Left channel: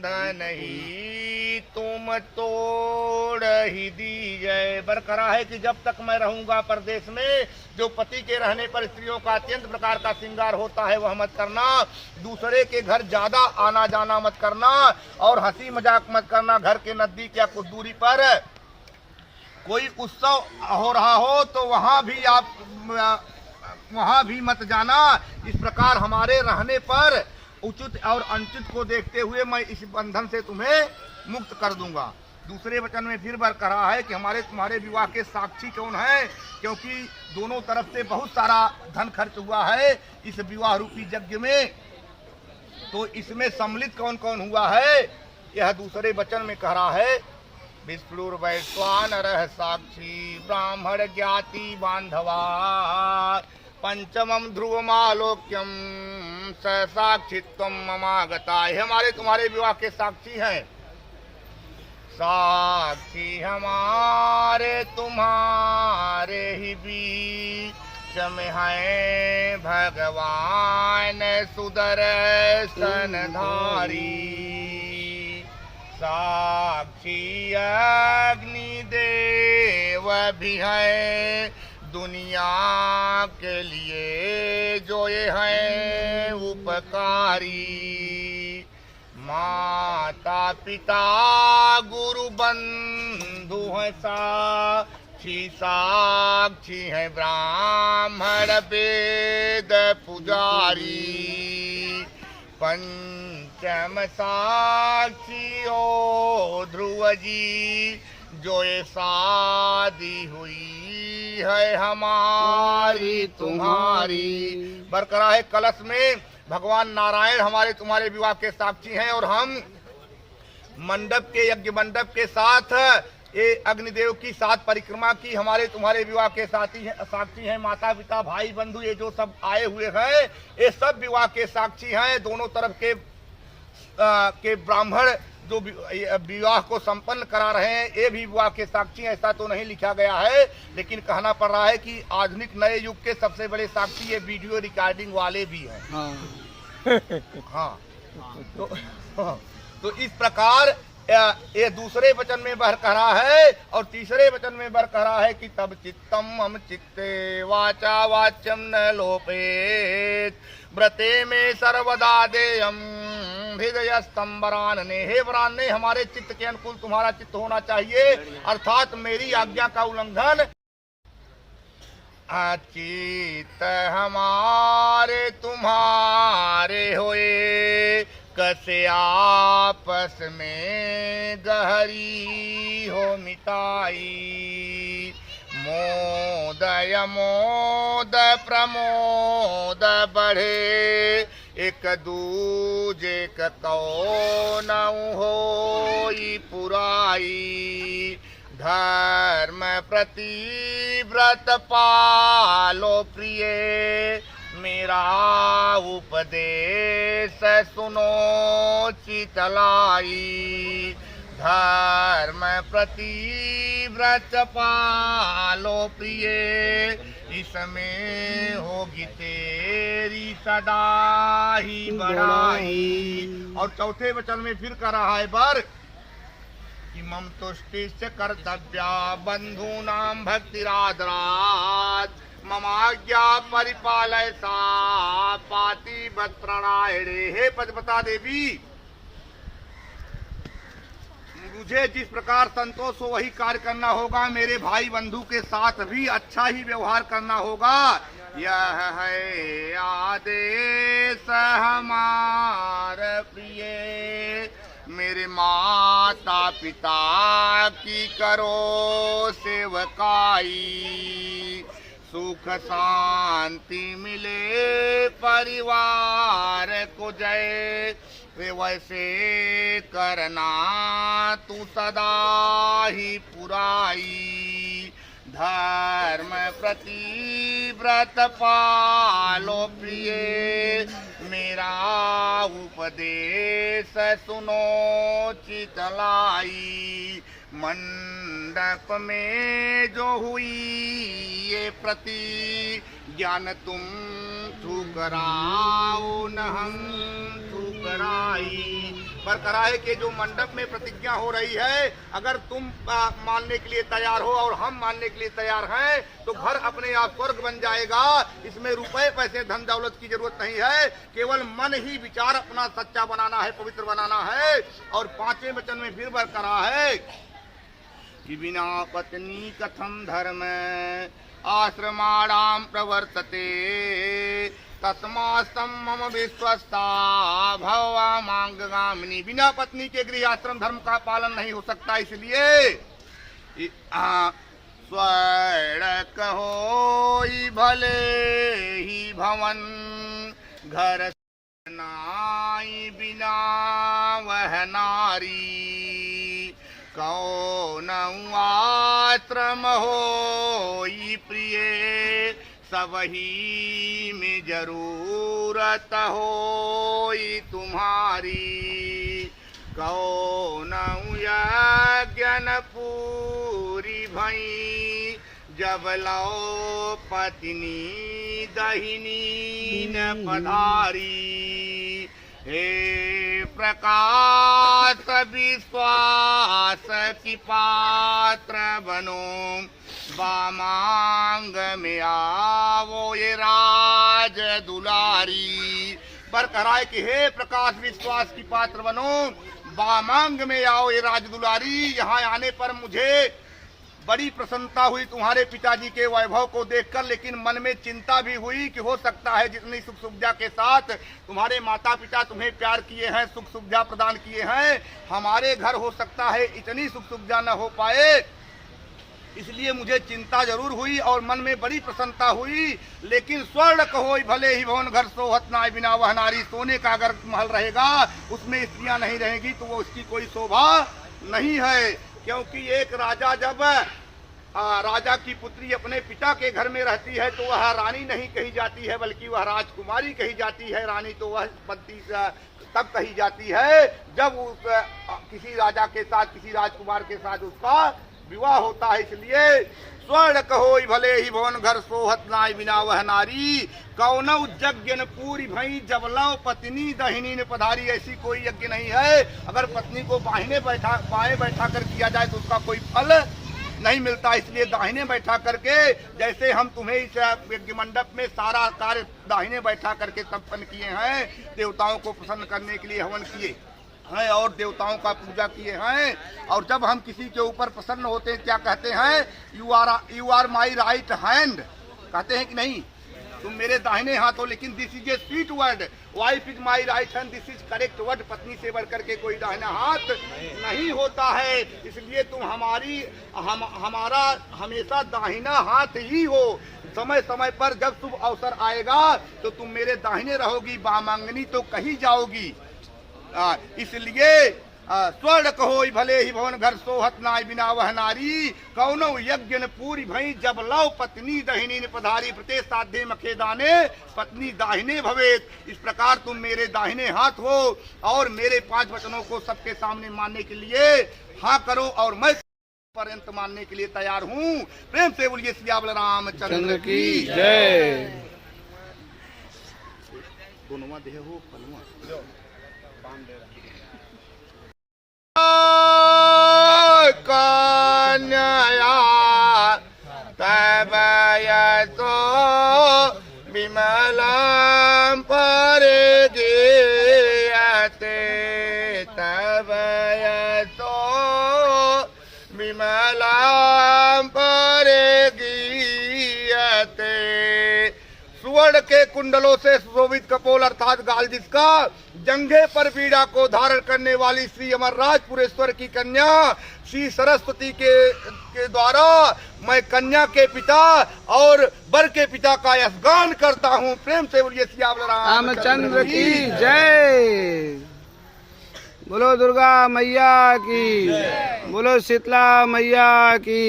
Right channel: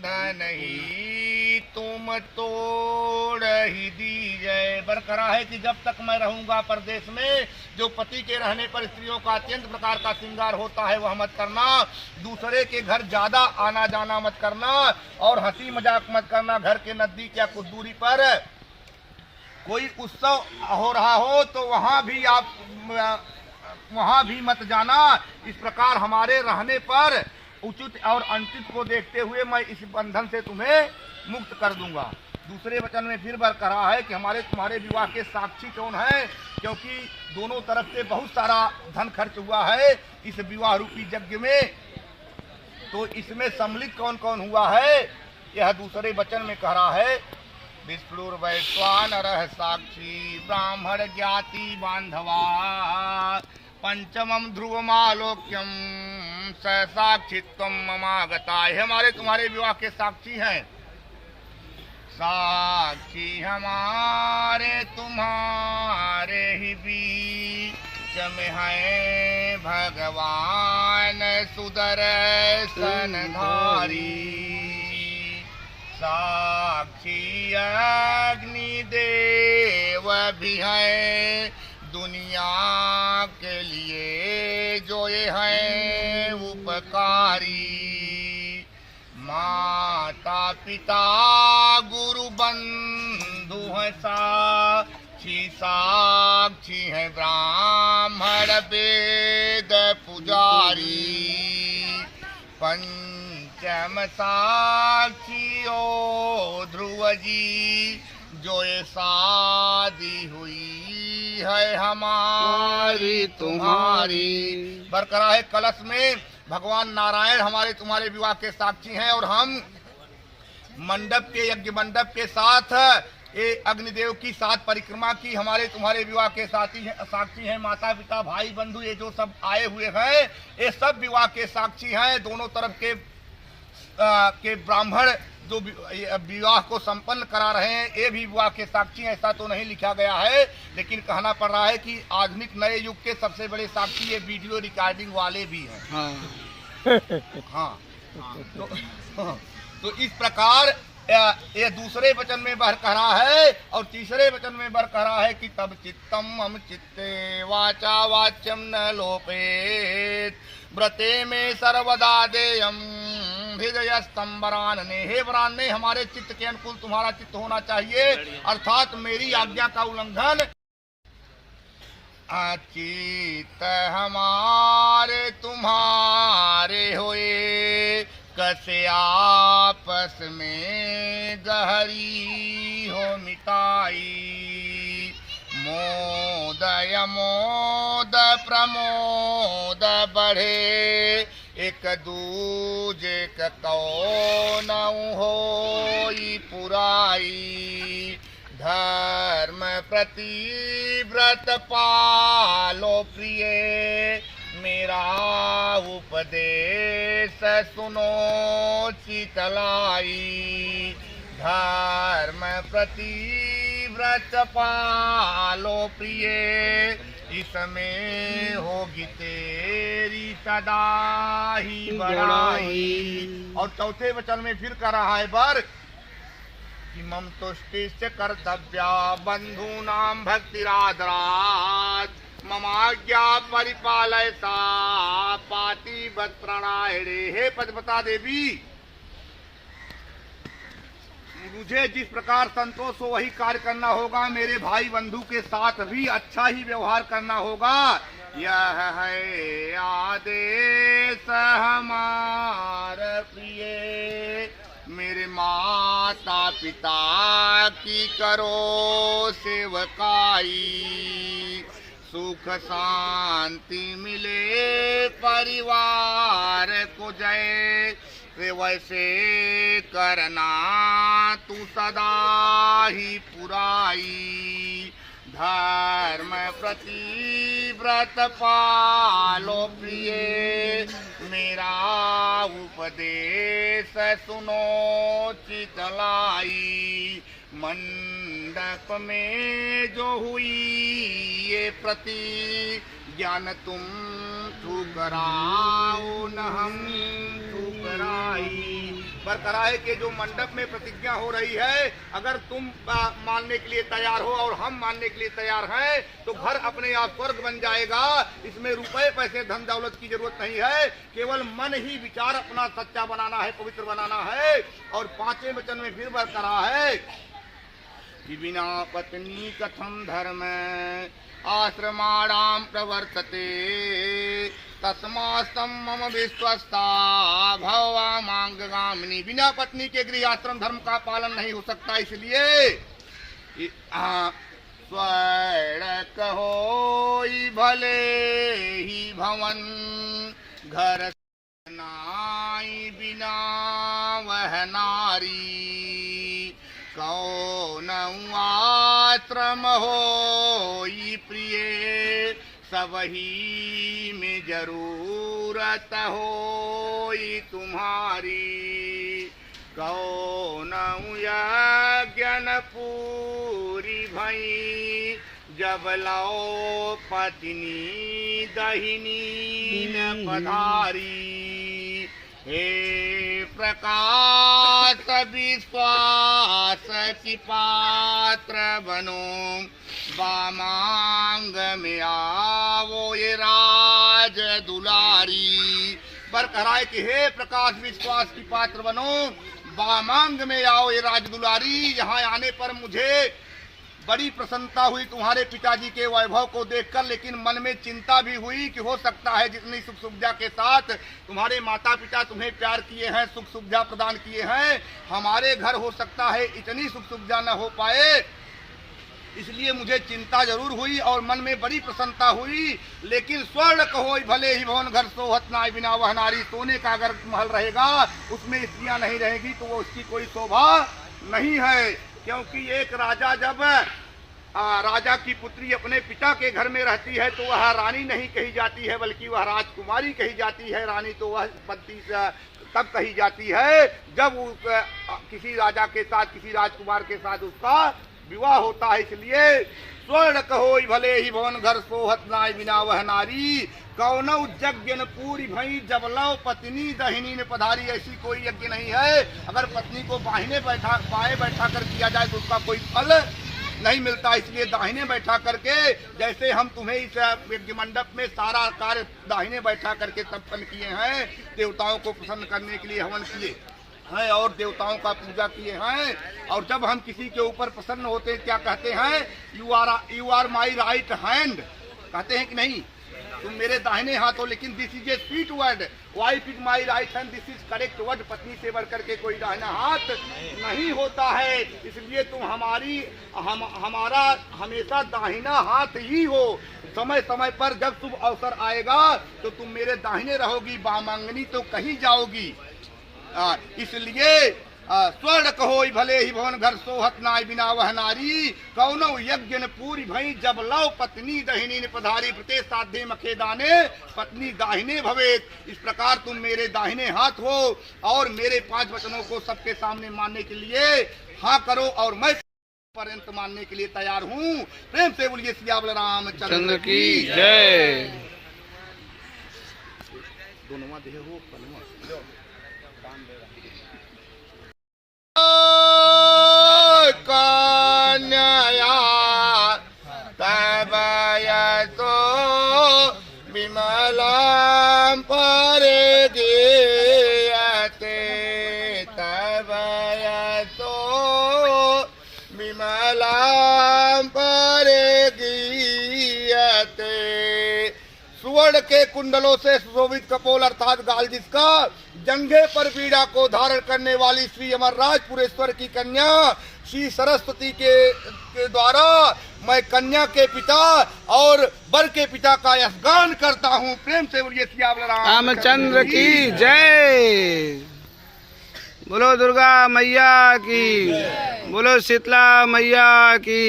बंधन ही तुम तोड़ ही दीजिए। बरकरार है कि जब तक मैं रहूंगा परदेश में, जो पति के रहने पर स्त्रियों का अत्यंत प्रकार का श्रृंगार होता है वह मत करना, दूसरे के घर ज्यादा आना जाना मत करना, और हंसी मजाक मत करना। घर के नजदीक या कुछ दूरी पर कोई उत्सव हो रहा हो तो वहां भी मत जाना। इस प्रकार हमारे रहने पर उचित और अनुचित को देखते हुए मैं इस बंधन से तुम्हें मुक्त कर दूंगा। दूसरे वचन में फिर बरकरार है कि हमारे तुम्हारे विवाह के साक्षी कौन है, क्योंकि दोनों तरफ से बहुत सारा धन खर्च हुआ है इस विवाह रूपी यज्ञ में, तो इसमें सम्मिलित कौन कौन हुआ है यह दूसरे वचन में कह रहा है। विष्णुर्वैश्वानरः साक्षी ब्राह्मण ज्ञाति बांधवा, पंचमम ध्रुवमालोक्यम स साक्षित्वम ममागता। हमारे तुम्हारे विवाह के साक्षी हैं, साक्षी हमारे तुम्हारे ही बीच में है भगवान सुदर्शनधारी। साक्षी अग्निदेव भी है दुनिया के लिए जो ये है उपकारी। माता पिता गुरु बंधु है साक्षी, साक्षी है ब्राह्मण वेद पुजारी। पंचम साक्षी ओ ध्रुव जी जो ये शादी हुई है हमारी तुम्हारी। बरकरार है कलश में भगवान नारायण हमारे तुम्हारे विवाह के साक्षी हैं, और हम मंडप के यज्ञ मंडप के साथ ये अग्निदेव की 7 परिक्रमा की हमारे तुम्हारे विवाह के साक्षी हैं। माता पिता भाई बंधु ये जो सब आए हुए हैं ये सब विवाह के साक्षी हैं। दोनों तरफ के ब्राह्मण जो विवाह को संपन्न करा रहे हैं ये भी विवाह के साक्षी हैं। ऐसा तो नहीं लिखा गया है, लेकिन कहना पड़ रहा है कि आधुनिक नए युग के सबसे बड़े साक्षी ये वीडियो रिकॉर्डिंग वाले भी हैं। हाँ। तो इस प्रकार ये दूसरे वचन में बरकरा है, और तीसरे वचन में बरकरा है कि तब चित्तम हम चित्ते वाचा वाच्यम न लोपेत व्रते में सर्वदा देयम हृदय स्तंभरानने। हे वरानने हमारे चित्त के अनुकूल तुम्हारा चित्त होना चाहिए, अर्थात मेरी आज्ञा का उल्लंघन। अचित हमारे तुम्हारे होए कसे आपस में गहरी हो मिताई। मोदय मोद प्रमोद बढ़े एक दूजे कौन हो पुराई। धर्म प्रति व्रत पालो प्रिय मेरा उपदेश सुनो चितलाई। धर्म प्रति व्रत पालो प्रिय इसमें होगी तेरी सदा ही बड़ाई। और चौथे वचन में फिर कह रहा है बर कि मम तुष्टिश्च कर्तव्या बंधूनां भक्तिरादरात् ममाज्ञा परिपालय सा पाति बत प्रणायणे। हे पद्मता देवी मुझे जिस प्रकार संतोष हो वही कार्य करना होगा, मेरे भाई बंधु के साथ भी अच्छा ही व्यवहार करना होगा। यह है आदेश हमारा प्रिय मेरे माता पिता की करो सेवकाई। सुख शांति मिले परिवार को जय वैसे करना तू सदा ही पुराई। धर्म प्रति व्रत पालो प्रिय मेरा उपदेश सुनो चितलाई। मंडप में जो हुई ये प्रति ज्ञान तुम ठुकराओ न हम ठुकराई। बरकरार है कि जो मंडप में प्रतिज्ञा हो रही है, अगर तुम मानने के लिए तैयार हो और हम मानने के लिए तैयार हैं तो घर अपने आप स्वर्ग बन जाएगा। इसमें रुपए पैसे धन दौलत की जरूरत नहीं है, केवल मन ही विचार अपना सच्चा बनाना है, पवित्र बनाना है। और 5वें वचन में फिर बरकरार है कि बिना पत्नी कथम धर्म आश्रमाणाम प्रवर्तते तस्मास्तम मम विश्वस्ता भवा मांगगामिनी। बिना पत्नी के गृह आश्रम धर्म का पालन नहीं हो सकता, इसलिए स्वर्ण कहो भले ही भवन घर नाई बिना वह नारी कौन आश्रम हो प्रिय सबही में जरूरत हो तुम्हारी कौन यज्ञन पूरी भई जब लो पत्नी दहिनी न पधारी। हे प्रकाश विश्वास की पात्र बनो बामांग में आवो ये राज दुलारी। बरकरार कि हे प्रकाश विश्वास की पात्र बनो बामांग में आओ ये राज दुलारी। यहाँ आने पर मुझे बड़ी प्रसन्नता हुई तुम्हारे पिताजी के वैभव को देखकर, लेकिन मन में चिंता भी हुई कि हो सकता है जितनी सुख सुविधा के साथ तुम्हारे माता पिता तुम्हें प्यार किए हैं, सुख सुविधा प्रदान किए हैं, हमारे घर हो सकता है इतनी सुख सुविधा न हो पाए। इसलिए मुझे चिंता जरूर हुई और मन में बड़ी प्रसन्नता हुई। लेकिन स्वर्ण कहो भले ही भवन घर सोहत नाय बिना वह नारी। सोने का अगर महल रहेगा उसमें स्त्रियां नहीं रहेगी तो वो उसकी कोई शोभा नहीं है। क्योंकि एक राजा जब राजा की पुत्री अपने पिता के घर में रहती है तो वह रानी नहीं कही जाती है, बल्कि वह राजकुमारी कही जाती है। रानी तो वह बनती तब कही जाती है जब किसी राजा के साथ, किसी राजकुमार के साथ उसका विवाह होता है। इसलिए स्वर्ण कहो भले ही भवन घर सोहत नाय बिना वह नारी कौन यज्ञ पूरी भई जब लव पत्नी दहिनी ने पधारी। ऐसी कोई यज्ञ नहीं है, अगर पत्नी को बाएं बैठा कर किया जाए तो उसका कोई फल नहीं मिलता। इसलिए दाहिने बैठा करके, जैसे हम तुम्हें इस यज्ञ मंडप में सारा कार्य दाहिने बैठा करके संपन्न किए हैं, देवताओं को प्रसन्न करने के लिए हवन किए हैं और देवताओं का पूजा किए हैं। और जब हम किसी के ऊपर प्रसन्न होते हैं क्या कहते हैं, you are my right hand, कहते हैं कि नहीं, तुम मेरे दाहिने हाथ हो। लेकिन this is a sweet word, wife is my right hand, this is correct word. पत्नी से बढ़ करके कोई दाहिना हाथ नहीं होता है। इसलिए तुम हमारा हमेशा दाहिना हाथ ही हो। समय समय पर जब शुभ अवसर आएगा तो तुम मेरे दाहिने रहोगी, बामांगनी तो कहीं जाओगी। इसलिए स्वर्ण कहो भले ही भवन घर सोहत नाय बिना वह नारी कौनो यज्ञ न पूरी भई जब लव पत्नी दहिनी ने पधारी। प्रत्येक साध्य मखे दाने पत्नी दाहिने भवेत। इस प्रकार तुम मेरे दाहिने हाथ हो और मेरे 5 वचनों को सबके सामने मानने के लिए हाँ करो और मैं पर्यंत मानने के लिए तैयार हूँ। प्रेम से बोलिए सियावल रामचंद्र की जय। दोनों देह हो कन्या तब तो विमलां परे गीयते तब तो विमलां परे गीयते। सुवर्ण के कुंडलों से सुशोभित कपोल अर्थात गाल जिसका, जंघे पर बीड़ा को धारण करने वाली श्री अमरराजपुरेश्वर की कन्या श्री सरस्वती के द्वारा मैं कन्या के पिता और वर के पिता का यशगान करता हूँ। प्रेम से बोलिए सियावल रामचंद्र की जय। बोलो दुर्गा मैया की, बोलो शीतला मैया की।